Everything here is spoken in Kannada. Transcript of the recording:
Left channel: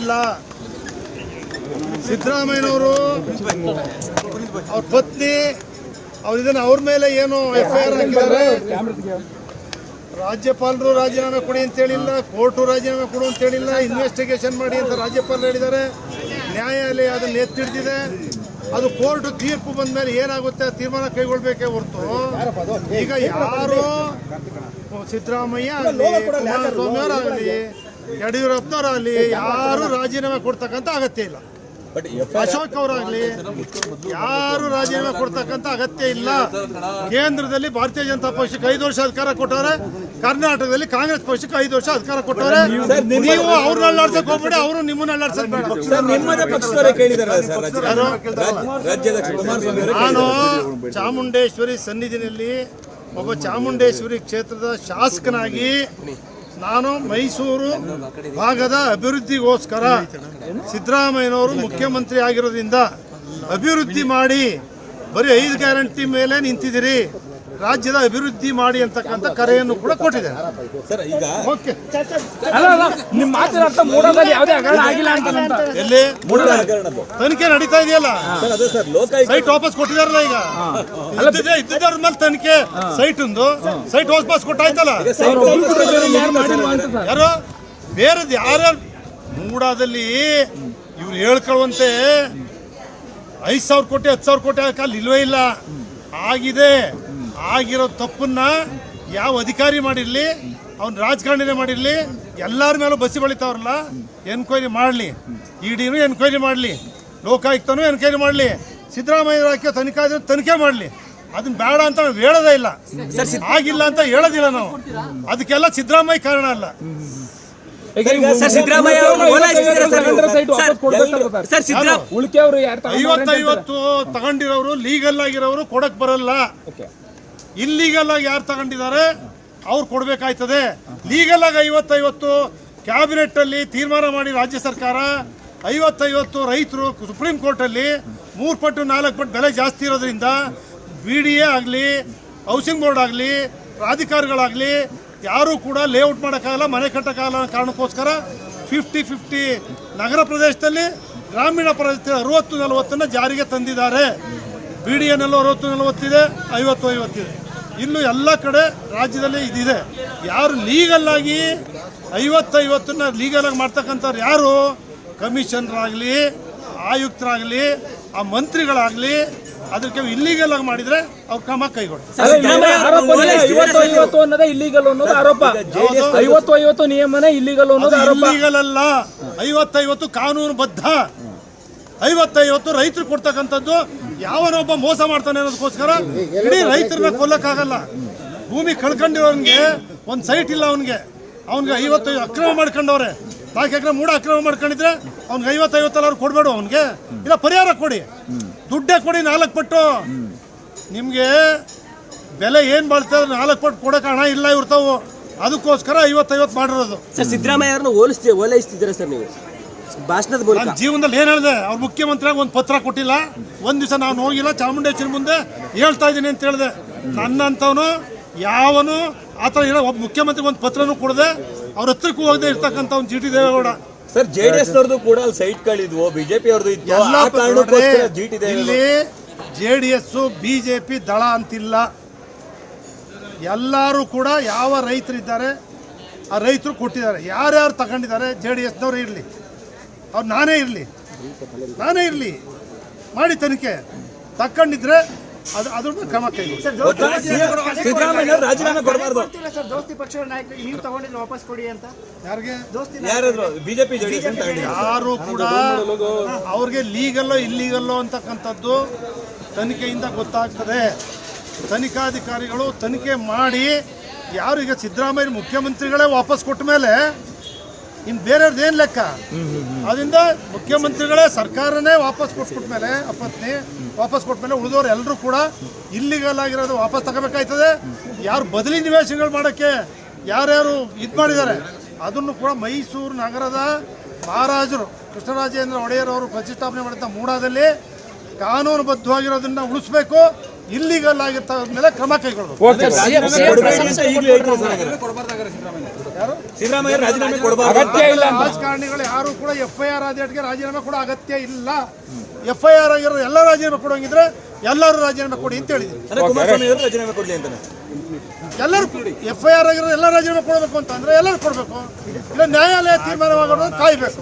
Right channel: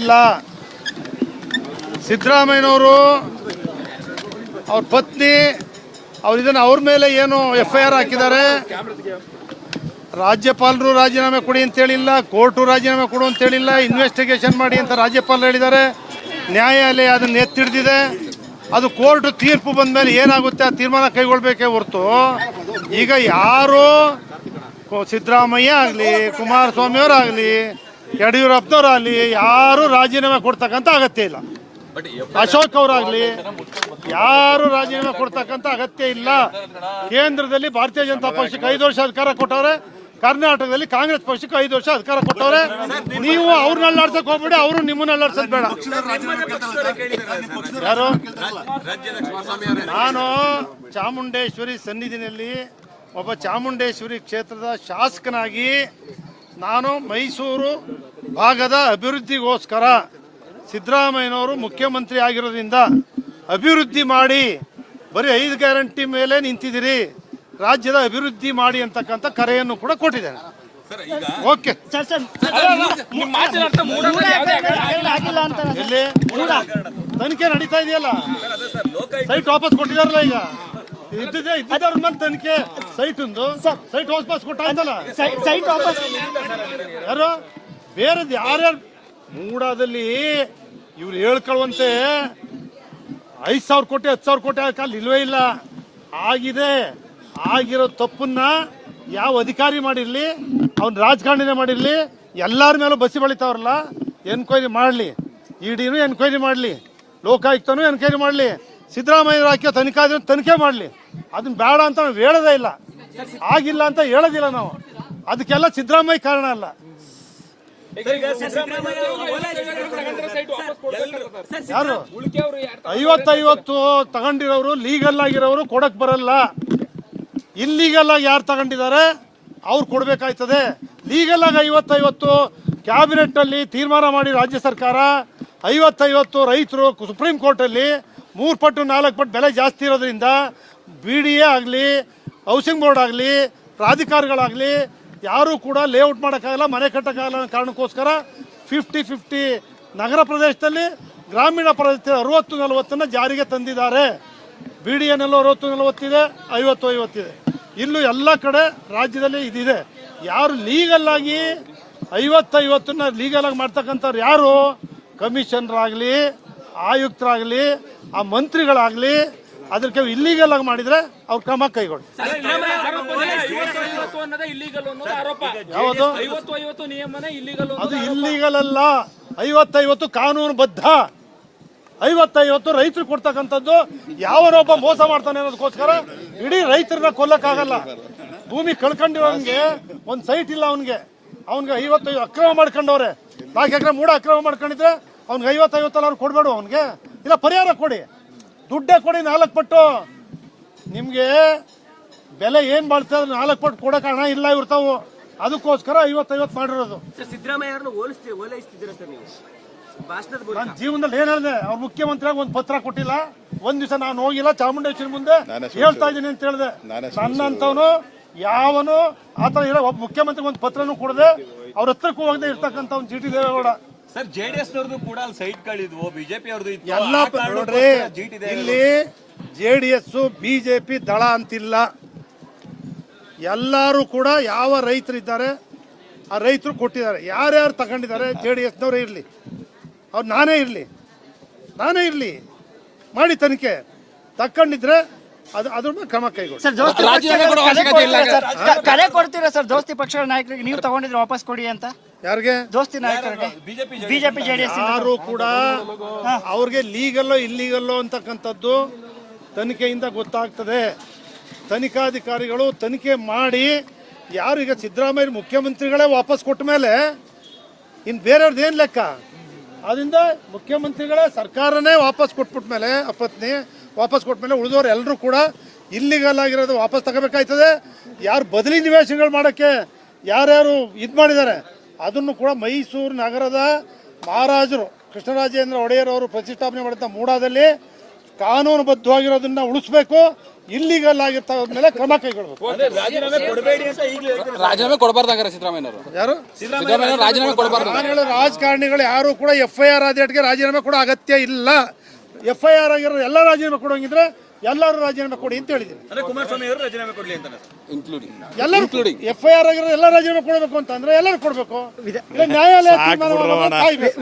ಇಲ್ಲ. ಸಿದ್ದರಾಮಯ್ಯನವರು ಅವ್ರ ಪತ್ನಿ ಅವ್ರ ಮೇಲೆ ಏನು FIR ಹಾಕಿದ್ದಾರೆ. ರಾಜ್ಯಪಾಲರು ರಾಜೀನಾಮೆ ಕೊಡಿ ಅಂತ ಹೇಳಿಲ್ಲ, ಕೋರ್ಟು ರಾಜೀನಾಮೆ ಕೊಡು ಅಂತ ಹೇಳಿಲ್ಲ, ಇನ್ವೆಸ್ಟಿಗೇಷನ್ ಮಾಡಿ ಅಂತ ರಾಜ್ಯಪಾಲರು ಹೇಳಿದ್ದಾರೆ. ನ್ಯಾಯಾಲಯ ಅದನ್ನ ಎತ್ತಿಡಿದಿದೆ. ಅದು ಕೋರ್ಟ್ ತೀರ್ಪು ಬಂದ ಮೇಲೆ ಏನಾಗುತ್ತೆ ಆ ತೀರ್ಮಾನ ಕೈಗೊಳ್ಬೇಕೇ ಹೊರತು ಈಗ ಯಾರು ಸಿದ್ದರಾಮಯ್ಯ ಆಗಲಿ, ಕುಮಾರಸ್ವಾಮಿ ಅವರಾಗಲಿ, ಯಡಿಯೂರಪ್ಪನವರಾಗಲಿ ಯಾರು ರಾಜೀನಾಮೆ ಕೊಡ್ತಕ್ಕಂಥ ಅಗತ್ಯ ಇಲ್ಲ. ಅಶೋಕ್ ಅವರಾಗಲಿ ಯಾರು ರಾಜೀನಾಮೆ ಕೊಡ್ತಕ್ಕಂಥ ಅಗತ್ಯ ಇಲ್ಲ. ಕೇಂದ್ರದಲ್ಲಿ ಭಾರತೀಯ ಜನತಾ ಪಕ್ಷಕ್ಕೆ 5 ವರ್ಷ ಅಧಿಕಾರ ಕೊಟ್ಟವ್ರೆ, ಕರ್ನಾಟಕದಲ್ಲಿ ಕಾಂಗ್ರೆಸ್ ಪಕ್ಷಕ್ಕೆ 5 ವರ್ಷ ಅಧಿಕಾರ ಕೊಟ್ಟವ್ರೆ. ನೀವು ಅವ್ರನ್ನ ಅಲ್ಲಾಡ್ಸಕ್ ಹೋಗ್ಬೇಡ, ಅವರು ನಿಮ್ಮನ್ನ ಅಲ್ಲಾಡ್ಸಕ್ ಬೇಡ. ನಾನು ಚಾಮುಂಡೇಶ್ವರಿ ಸನ್ನಿಧಿನಲ್ಲಿ ಒಬ್ಬ ಚಾಮುಂಡೇಶ್ವರಿ ಕ್ಷೇತ್ರದ ಶಾಸಕನಾಗಿ ನಾನು ಮೈಸೂರು ಭಾಗದ ಅಭಿವೃದ್ಧಿಗೋಸ್ಕರ ಸಿದ್ದರಾಮಯ್ಯನವರು ಮುಖ್ಯಮಂತ್ರಿ ಆಗಿರೋದ್ರಿಂದ ಅಭಿವೃದ್ಧಿ ಮಾಡಿ, ಬರೀ 5 ಗ್ಯಾರಂಟಿ ಮೇಲೆ ನಿಂತಿದ್ದೀರಿ, ರಾಜ್ಯದ ಅಭಿವೃದ್ಧಿ ಮಾಡಿ ಅಂತಕ್ಕಂಥ ಕರೆಯನ್ನು ಕೂಡ ಕೊಟ್ಟಿದ್ದಾರೆ. ಓಕೆ, ತನಿಖೆ ನಡೀತಾ ಇದೆಯಲ್ಲ, ಸೈಟ್ ವಾಪಸ್ ಕೊಟ್ಟಿದಾರಲ್ಲ. ಈಗ ಇದ್ದಿದ್ದವ್ರ ಮೇಲೆ ತನಿಖೆ, ಸೈಟ್ ವಾಪಸ್ ಕೊಟ್ಟಾಯ್ತಲ್ಲ. ಯಾರು ಬೇರೆದು ಯಾರ್ಯಾರು ಮೂಡಾದಲ್ಲಿ ಇವ್ರು ಹೇಳ್ಕೊಳ್ಳುವಂತೆ 5,000 ಕೋಟಿ 10,000 ಕೋಟಿ ಹಾಕಲ್ಲಿ ಇಲ್ವೇ ಇಲ್ಲ. ಆಗಿದೆ, ಆಗಿರೋ ತಪ್ಪನ್ನ ಯಾವ ಅಧಿಕಾರಿ ಮಾಡಿರ್ಲಿ, ಅವ್ನ ರಾಜಕಾರಣಿನೇ ಮಾಡಿರ್ಲಿ, ಎಲ್ಲರ ಮೇಲೂ ಬಸಿ ಬಳಿತಾವ್ರಲ್ಲ, ಎನ್ಕ್ವೈರಿ ಮಾಡಲಿ, ಇಡಿನೂ ಎನ್ಕ್ವೈರಿ ಮಾಡಲಿ, ಲೋಕಾಯುಕ್ತನೂ ಎನ್ಕ್ವೈರಿ ಮಾಡಲಿ, ಸಿದ್ದರಾಮಯ್ಯ ಹಾಕಿ ತನಿಖೆ ಮಾಡಲಿ. ಅದನ್ನ ಬೇಡ ಅಂತ ನಾವು ಹೇಳೋದೇ ಇಲ್ಲ, ಆಗಿಲ್ಲ ಅಂತ ಹೇಳೋದಿಲ್ಲ ನಾವು. ಅದಕ್ಕೆಲ್ಲ ಸಿದ್ದರಾಮಯ್ಯ ಕಾರಣ ಅಲ್ಲ. 50 ತಗೊಂಡಿರೋರು ಲೀಗಲ್ ಆಗಿರೋರು ಕೊಡಕ್ ಬರಲ್ಲ. ಇಲ್ಲೀಗಲ್ ಆಗಿ ಯಾರು ತಗೊಂಡಿದ್ದಾರೆ ಅವ್ರು ಕೊಡ್ಬೇಕಾಯ್ತದೆ. ಲೀಗಲ್ ಆಗಿ 50 ಕ್ಯಾಬಿನೆಟ್ ಅಲ್ಲಿ ತೀರ್ಮಾನ ಮಾಡಿ ರಾಜ್ಯ ಸರ್ಕಾರ 50 ರೈತರು ಸುಪ್ರೀಂ ಕೋರ್ಟ್ ಅಲ್ಲಿ 3 ಪಟ್ಟು 4 ಪಟ್ಟು ಬೆಲೆ ಜಾಸ್ತಿ ಇರೋದ್ರಿಂದ BDA ಆಗಲಿ, ಹೌಸಿಂಗ್ ಬೋರ್ಡ್ ಆಗಲಿ, ಪ್ರಾಧಿಕಾರಗಳಾಗಲಿ ಯಾರು ಕೂಡ ಲೇಔಟ್ ಮಾಡೋಕ್ಕಾಗಲ್ಲ, ಮನೆ ಕಟ್ಟಕ್ಕಾಗಲ್ಲ ಕಾರಣಕ್ಕೋಸ್ಕರ 50-50 ನಗರ ಪ್ರದೇಶದಲ್ಲಿ, ಗ್ರಾಮೀಣ ಪ್ರದೇಶದಲ್ಲಿ 60-40 ಜಾರಿಗೆ ತಂದಿದ್ದಾರೆ. BDAನಲ್ಲೂ 60-40 ಇದೆ, 50-50 ಇದೆ. ಇನ್ನು ಎಲ್ಲ ಕಡೆ ರಾಜ್ಯದಲ್ಲಿ ಇದಿದೆ. ಯಾರು ಲೀಗಲ್ ಆಗಿ 50-50 ಲೀಗಲ್ ಆಗಿ ಮಾಡ್ತಕ್ಕಂಥವ್ರು ಯಾರು ಕಮಿಷನರಾಗಲಿ, ಆಯುಕ್ತರಾಗಲಿ, ಆ ಮಂತ್ರಿಗಳಾಗಲಿ, ಅದಕ್ಕೆ ಇಲ್ಲಿಗಲ್ ಆಗಿ ಮಾಡಿದ್ರೆ ಅವ್ರ ಕ್ರಮ ಕೈಗೊಳ್ಳಿ. ಇಲ್ಲಿಗಲ್ ಅನ್ನೋದು ಆರೋಪ. 50-50 ನಿಯಮನೇ ಇಲ್ಲಿಗಲ್ ಅನ್ನೋದು ಆರೋಪ. ಇಲ್ಲಿಗಲ್ ಅಲ್ಲ, 50-50 ಕಾನೂನು ಬದ್ಧ. 50-50 ರೈತರು ಕೊಡ್ತಕ್ಕಂಥದ್ದು. ಯಾವನೊಬ್ಬ ಮೋಸ ಮಾಡ್ತಾನೆ ಅನ್ನೋದಕ್ಕೋಸ್ಕರ ಇಡೀ ರೈತರನ್ನ ಕೊಲ್ಲಕ್ಕಾಗಲ್ಲ. ಭೂಮಿ ಕಳ್ಕೊಂಡಿರೋನ್ಗೆ ಒಂದು ಸೈಟ್ ಇಲ್ಲ, ಅವನ್ಗೆ 50 ಅಕ್ರಮ ಮಾಡ್ಕೊಂಡವ್ರೆ. 4 ಎಕರೆ ಮೂಡ ಅಕ್ರಮ ಮಾಡ್ಕೊಂಡಿದ್ರೆ ಅವ್ನಿಗೆ 50-50 ಅವ್ರು ಕೊಡ್ಬೇಡ, ಅವನ್ಗೆ ಇಲ್ಲ ಪರಿಹಾರ ಕೊಡಿ, ದುಡ್ಡೇ ಕೊಡಿ 4 ಪಟ್ಟು. ನಿಮ್ಗೆ ಬೆಲೆ ಏನ್ ಬಾಳ್ತದೆ 4 ಪಟ್ಟು ಕೊಡಕ್ಕೆ ಹಣ ಇಲ್ಲ ಇರ್ತಾವು. ಅದಕ್ಕೋಸ್ಕರ 50-50 ಮಾಡಿರೋದು. ಸರ್, ಸಿದ್ದರಾಮಯ್ಯ ಅವರನ್ನು ಓಲೈಸ್ತಿದ್ದೀರಾ ಸರ್ ನೀವು ಭಾಷಣದ ಮೂಲಕ? ಜೀವನದಲ್ಲಿ ಏನ್ ಹೇಳಿದೆ, ಅವ್ರ ಮುಖ್ಯಮಂತ್ರಿಯಾಗ ಒಂದು ಪತ್ರ ಕೊಟ್ಟಿಲ್ಲ, ಒಂದ್ ದಿವಸ ನಾನು ಹೋಗಿಲ್ಲ, ಚಾಮುಂಡೇಶ್ವರಿ ಮುಂದೆ ಹೇಳ್ತಾ ಇದ್ದೀನಿ ಅಂತ ಹೇಳಿದೆ. ನನ್ನಂತವನು ಯಾವನು ಆತರ ಇರೋ ಒಬ್ಬ ಮುಖ್ಯಮಂತ್ರಿಗೆ ಒಂದು ಪತ್ರನೂ ಕೊಡದೆ ಅವ್ರ ಹತ್ರಕ್ಕೂ ಹೋಗದೆ ಇರ್ತಕ್ಕಂಥ ಒಂದು GT ದೇವೇಗೌಡ. ಸರ್, JDS ಅವ್ರದ್ದು ಕೂಡ ಅಲ್ಲಿ ಸೈಟ್ಗಳಿದ್ವು, BJP ಅವ್ರದ್ದು ಇತ್ತು, ಆ ಕಾರಣಕ್ಕೋಸ್ಕರ GT ದೇವೇಗೌಡ. JDS BJP ದಳ ಅಂತಿಲ್ಲ. ಎಲ್ಲರೂ ಕೂಡ ಯಾವ ರೈತರಿದ್ದಾರೆ ಆ ರೈತರು ಕೊಟ್ಟಿದ್ದಾರೆ. ಯಾರ್ಯಾರು ತಗೊಂಡಿದ್ದಾರೆ JDSನವರೇ ಇರಲಿ, ಅವ್ರು ನಾನೇ ಇರಲಿ, ಮಾಡಿ ತನಿಖೆ. ತಕ್ಕೊಂಡಿದ್ರೆ ಅದ್ರ ಕ್ರಮ ಕರೆ ಕೊಡ್ತೀರಾ ಸರ್? ದೋಸ್ತಿ ಪಕ್ಷಗಳ ನಾಯಕರಿಗೆ ನೀವು ತಗೊಂಡಿದ್ರೆ ವಾಪಸ್ ಕೊಡಿ ಅಂತ. ಯಾರಿಗೆ? ದೋಸ್ತಿ ಬಿಜೆಪಿ ಯಾರು ಕೂಡ ಅವ್ರಿಗೆ ಲೀಗಲ್ಲೋ ಇಲ್ಲೀಗಲ್ಲೋ ಅಂತಕ್ಕಂಥದ್ದು ತನಿಖೆಯಿಂದ ಗೊತ್ತಾಗ್ತದೆ. ತನಿಖಾಧಿಕಾರಿಗಳು ತನಿಖೆ ಮಾಡಿ ಯಾರು ಈಗ ಸಿದ್ದರಾಮಯ್ಯ ಮುಖ್ಯಮಂತ್ರಿಗಳೇ ವಾಪಸ್ ಕೊಟ್ಟ ಮೇಲೆ ಇನ್ನು ಬೇರೆಯವ್ರದ್ದು ಏನು ಲೆಕ್ಕ? ಅದರಿಂದ ಮುಖ್ಯಮಂತ್ರಿಗಳೇ ಸರ್ಕಾರನೇ ವಾಪಸ್ ಕೊಟ್ಬಿಟ್ಮೇಲೆ, ಅಪತ್ನಿ ವಾಪಸ್ ಕೊಟ್ಮೇಲೆ ಉಳಿದವರು ಎಲ್ಲರೂ ಕೂಡ ಇಲ್ಲಿಗಲ್ ಆಗಿರೋದು ವಾಪಸ್ ತಗೋಬೇಕಾಯ್ತದೆ. ಯಾರು ಬದಲಿ ನಿವೇಶನಗಳು ಮಾಡೋಕ್ಕೆ ಯಾರ್ಯಾರು ಇದು ಮಾಡಿದ್ದಾರೆ ಅದನ್ನು ಕೂಡ ಮೈಸೂರು ನಗರದ ಮಹಾರಾಜರು ಕೃಷ್ಣರಾಜೇಂದ್ರ ಒಡೆಯರ್ ಅವರು ಪ್ರತಿಷ್ಠಾಪನೆ ಮಾಡಿದ ಮೂಡಾದಲ್ಲಿ ಕಾನೂನುಬದ್ಧವಾಗಿರೋದನ್ನ ಉಳಿಸ್ಬೇಕು. ಇಲ್ಲಿಗಲ್ ಆಗಿರ್ತ ಮೇಲೆ ಕ್ರಮ ಕೈಗೊಳ್ಳಬೇಕು. ಓಕೆ ರಾಜೀನಾಮೆ ಕೊಡ್ಬೇಡಿ ಅಂತ ಈಗಲೂ ಹೇಳ್ತಾರೆ. ರಾಜೀನಾಮೆ ಕೊಡಬಾರ್ದಾಗಾರೆ ಸಿದ್ದರಾಮಯ್ಯ ಯಾರು ಸಿದ್ದರಾಮಯ್ಯ ರಾಜೀನಾಮೆ ಕೊಡ್ಬಾರ್ದು. ಅಗತ್ಯ ಇಲ್ಲ ಅಂತ. ರಾಜಕಾರಣಿಗಳು ಯಾರು ಕೂಡ FIR ಆದೇಟ್ಗೆ ರಾಜೀನಾಮೆ ಕೊಡೋ ಅಗತ್ಯ ಇಲ್ಲ. FIR ಆಗಿರೋ ಎಲ್ಲ ರಾಜೀನಾಮೆ ಕೊಡೋಂಗಿದ್ರೆ ಎಲ್ಲರೂ ರಾಜೀನಾಮೆ ಕೊಡಿ ಅಂತ ಹೇಳಿದ್ರು. ಅಂದ್ರೆ ಕುಮಾರಸ್ವಾಮಿ ಅವರು ರಾಜೀನಾಮೆ ಕೊಡ್ಲಿ ಅಂತಾನೆ. ಇನ್ಕ್ಲೂಡಿಂಗ್ FIR ಆಗಿರೋ ಎಲ್ಲ ರಾಜೀನಾಮೆ ಕೊಡಬೇಕು ಅಂತಂದ್ರೆ ಎಲ್ಲರೂ ಕೊಡಬೇಕು. ಇಲ್ಲ ನ್ಯಾಯಾಲಯ ತೀರ್ಮಾನವನ್ನು ಕಾಯ್ಬೇಕು.